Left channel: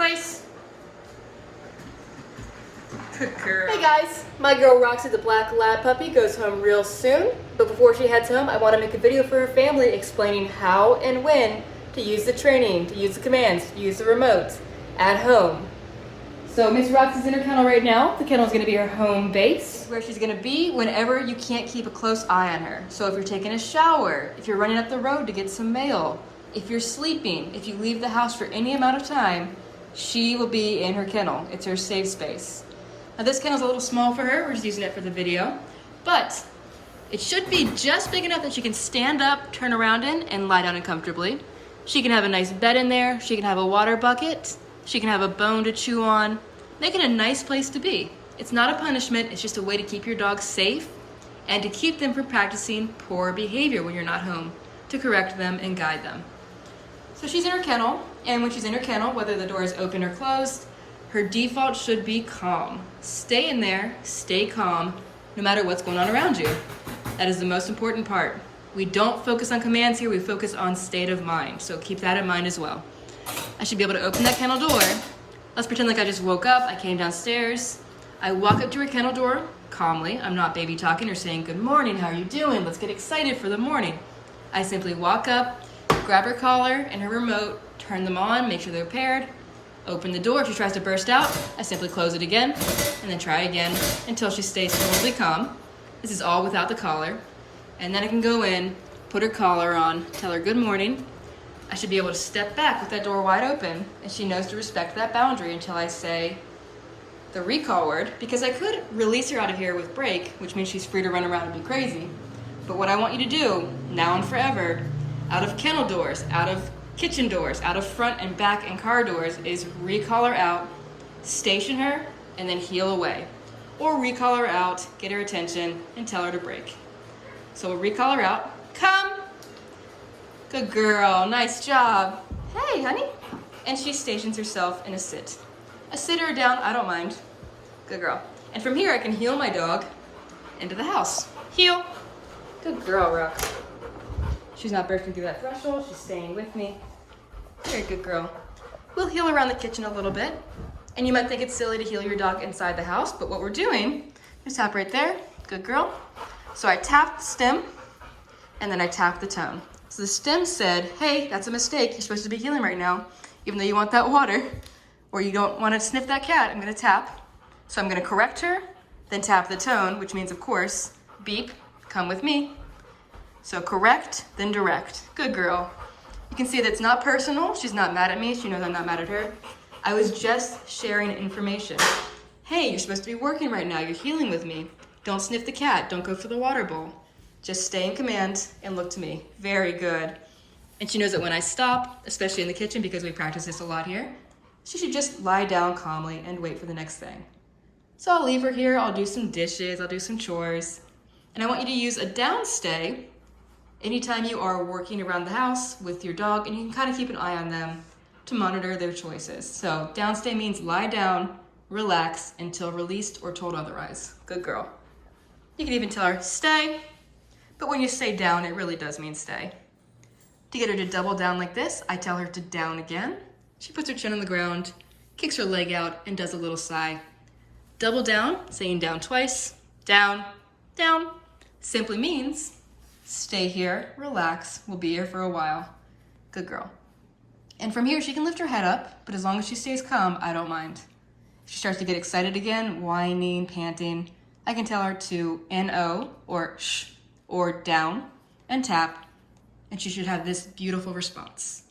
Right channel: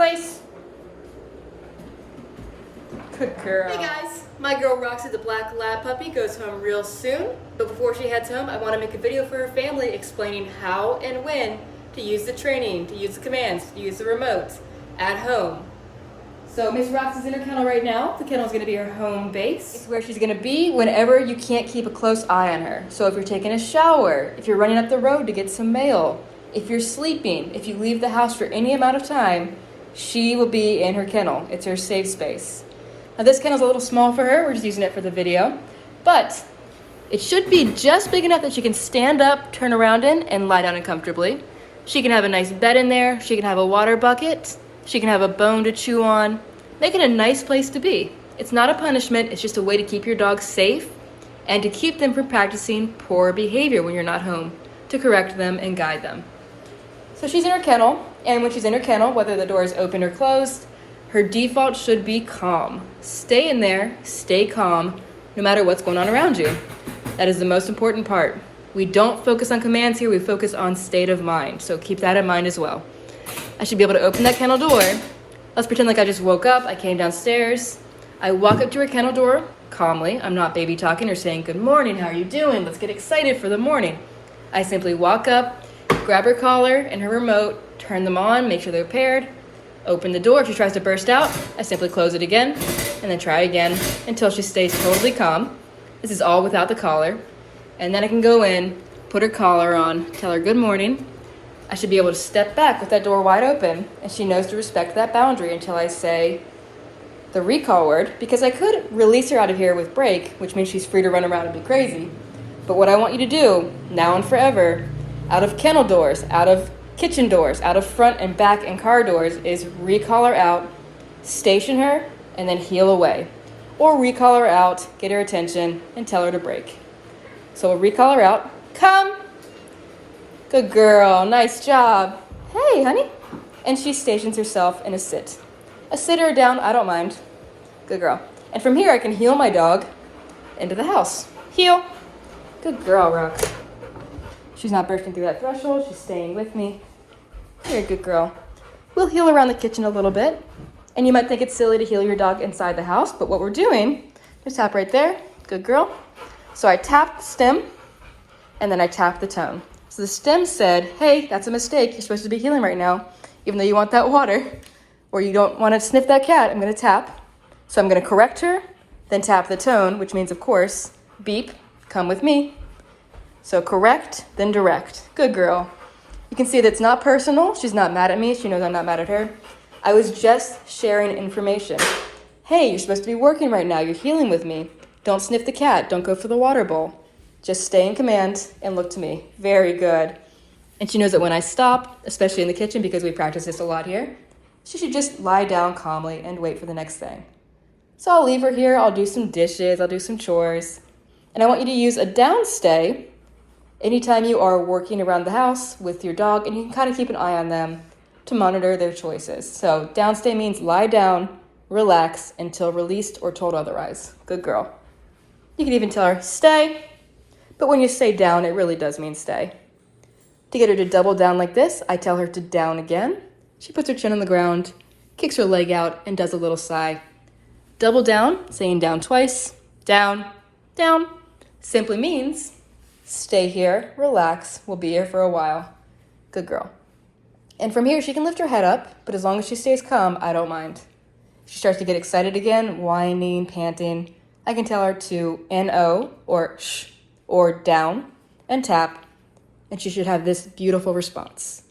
Place. Good girl. Hey guys, my girl Roxy, the black lab puppy, goes home real soon. But before she heads home, I want to make a video for her family explaining how and when to use the training, to use the commands, to use the remote at home. So Miss Roxy's in her kennel right now. The kennel is going to be her home base. It's where she's going to be whenever you can't keep a close eye on her. So if you're taking a shower, if you're running up the road to get some mail, if you're sleeping, if you leave the house for any amount of time, she will be in her kennel. It's her safe space. Now this kennel's a little small for her. We're just using it for the video. But it should be just big enough that she can stand up, turn around in, and lie down comfortably. She can have a nice bed in there. She can have a water bucket. She can have a bone to chew on. Make it a nice place to be. It's not a punishment. It's just a way to keep your dog safe and to keep them from practicing poor behavior when you're not home, to correct them and guide them. So she's in her kennel, and when she's in her kennel, whether the door is open or closed, her default should be calm. Stay in there, stay calm, no matter what's going on around you. That is the most important part. We don't focus on commands here, we focus on state of mind. So keep that in mind as well. I should be able to open that kennel door. Let's pretend like I just woke up, I came downstairs. I walk up to her kennel door calmly. I'm not baby talking or saying, good morning, how are you doing? Let's get excited for the morning. I simply walk up, grab her collar and her remote, turn them on, make sure they're paired, open the door. If she tries to burst out, I simply close it again and then try again until she stays totally calm. This is all without the collar. And then I can go in, put her collar on, tell her good morning. I should be able to step back with that door wide open, and she knows to respect that boundary until I say the recall word, because I could release her out of here with break, which means she's free to run around and be crazy. But what I want you to do, now and forever, out of kennel doors, out of kitchen doors, out of front and back and car doors, is recall her out, station her, and then heel away. Or recall her out, get her attention, and tell her to break. So we'll recall her out. Come. Good girl, nice job. Hey, honey. And she stations herself in a sit. A sit or a down, I don't mind. Good girl. And from here, I can heel my dog into the house. Heel. Good girl, Rox. She's not bursting through that threshold. She's staying with me. You're a good girl. We'll heel around the kitchen a little bit. And you might think it's silly to heel your dog inside the house, but what we're doing, just tap right there. Good girl. So I tap the stem, and then I tap the tone. So the stem said, hey, that's a mistake. You're supposed to be healing right now, even though you want that water, or you don't want to sniff that cat. I'm going to tap. So I'm going to correct her, then tap the tone, which means, of course, beep, come with me. So correct, then direct. Good girl. You can see that it's not personal. She's not mad at me. She knows I'm not mad at her. I was just sharing information. Hey, you're supposed to be working right now. You're healing with me. Don't sniff the cat. Don't go for the water bowl. Just stay in command and look to me. Very good. And she knows that when I stop, especially in the kitchen, because we practice this a lot here, she should just lie down calmly and wait for the next thing. So I'll leave her here. I'll do some dishes. I'll do some chores. And I want you to use a down stay anytime you are working around the house with your dog, and you can kind of keep an eye on them to monitor their choices. So down stay means lie down, relax until released or told otherwise. Good girl. You can even tell her, stay. But when you say down, it really does mean stay. To get her to double down like this, I tell her to down again. She puts her chin on the ground, kicks her leg out, and does a little sigh. Double down, saying down twice, down, down, simply means stay here, relax, we'll be here for a while. Good girl. And from here, she can lift her head up, but as long as she stays calm, I don't mind. If she starts to get excited again, whining, panting, I can tell her to N-O or shh, or down and tap, and she should have this beautiful response.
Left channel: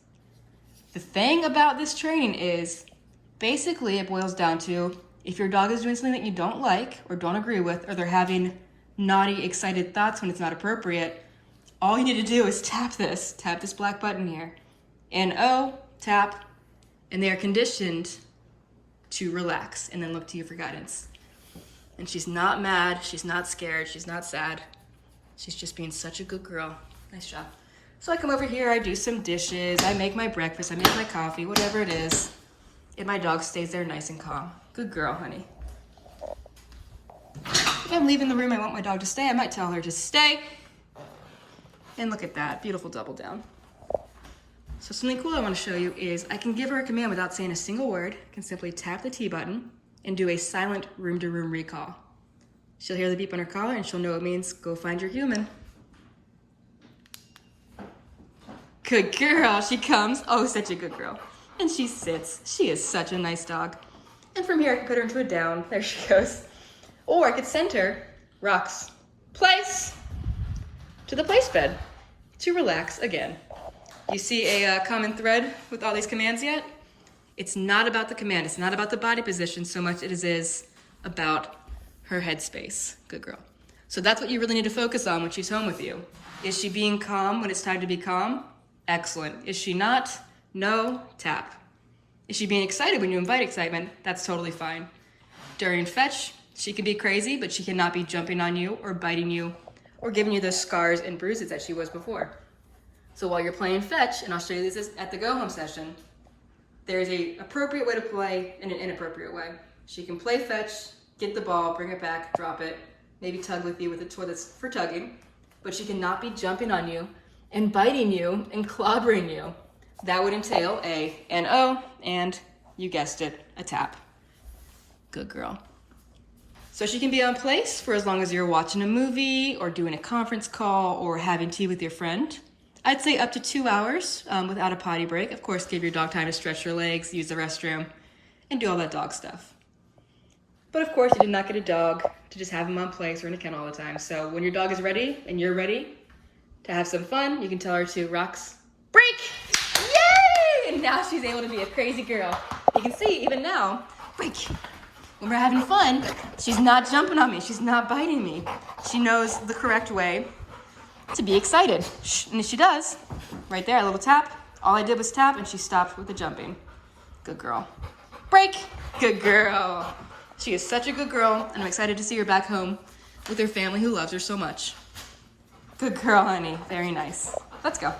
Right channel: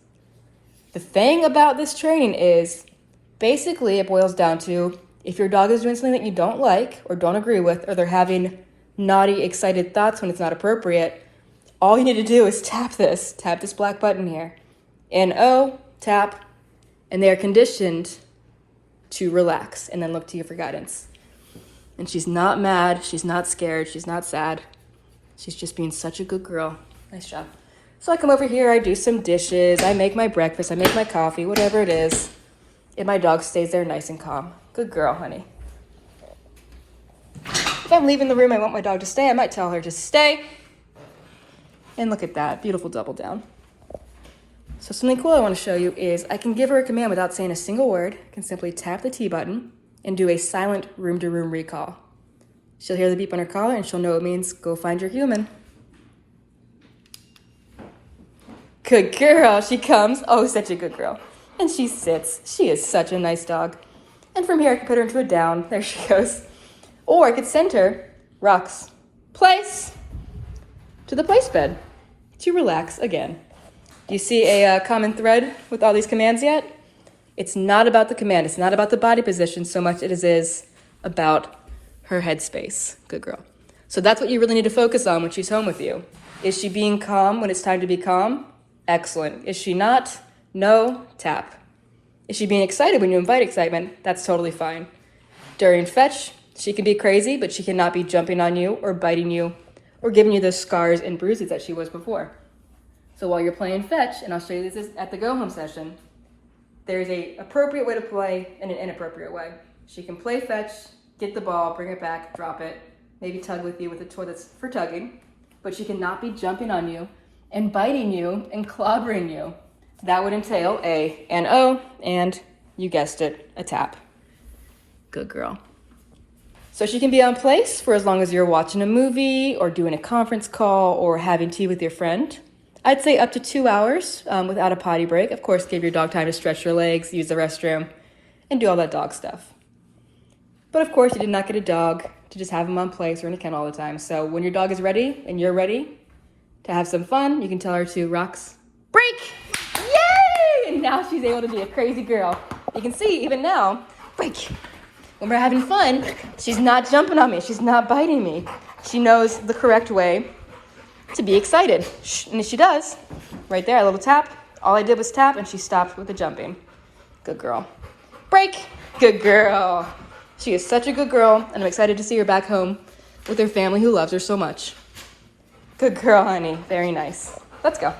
The thing about this training is, basically it boils down to, if your dog is doing something that you don't like or don't agree with, or they're having naughty, excited thoughts when it's not appropriate, all you need to do is tap this black button here. N-O, tap, and they are conditioned to relax and then look to you for guidance. And she's not mad, she's not scared, she's not sad. She's just being such a good girl. Nice job. So I come over here, I do some dishes, I make my breakfast, I make my coffee, whatever it is. And my dog stays there nice and calm. Good girl, honey. If I'm leaving the room, I want my dog to stay, I might tell her to stay. And look at that, beautiful double down. So something cool I want to show you is I can give her a command without saying a single word. I can simply tap the T button and do a silent room-to-room recall. She'll hear the beep on her collar and she'll know it means go find your human. Good girl, she comes. Oh, such a good girl. And she sits. She is such a nice dog. And from here I can put her into a down. There she goes. Or I could send her, Rox, place, to the place bed to relax again. You see a common thread with all these commands yet? It's not about the command. It's not about the body position so much as it is about her headspace. Good girl. So that's what you really need to focus on when she's home with you. Is she being calm when it's time to be calm? Excellent. Is she not? No, tap. Is she being excited when you invite excitement? That's totally fine. During fetch, she can be crazy, but she cannot be jumping on you or biting you or giving you those scars and bruises that she was before. So while you're playing fetch, and I'll show you this at the go home session, there's an appropriate way to play and an inappropriate way. She can play fetch, get the ball, bring it back, drop it, maybe tug with you with a toy that's for tugging, but she cannot be jumping on you and biting you and clobbering you. That would entail an O, and you guessed it, a tap. Good girl. So she can be on place for as long as you're watching a movie or doing a conference call or having tea with your friend. I'd say up to 2 hours without a potty break. Of course, give your dog time to stretch your legs, use the restroom, and do all that dog stuff. But of course, you did not get a dog to just have him on place or in a kennel all the time. So when your dog is ready and you're ready to have some fun, you can tell her to Rox, break! Yay! And now she's able to be a crazy girl. You can see even now, break. When we're having fun, she's not jumping on me. She's not biting me. She knows the correct way to be excited. And she does. Right there, a little tap. All I did was tap and she stopped with the jumping. Good girl. Break. Good girl. She is such a good girl and I'm excited to see her back home with her family who loves her so much. Good girl, honey. Very nice. Let's go.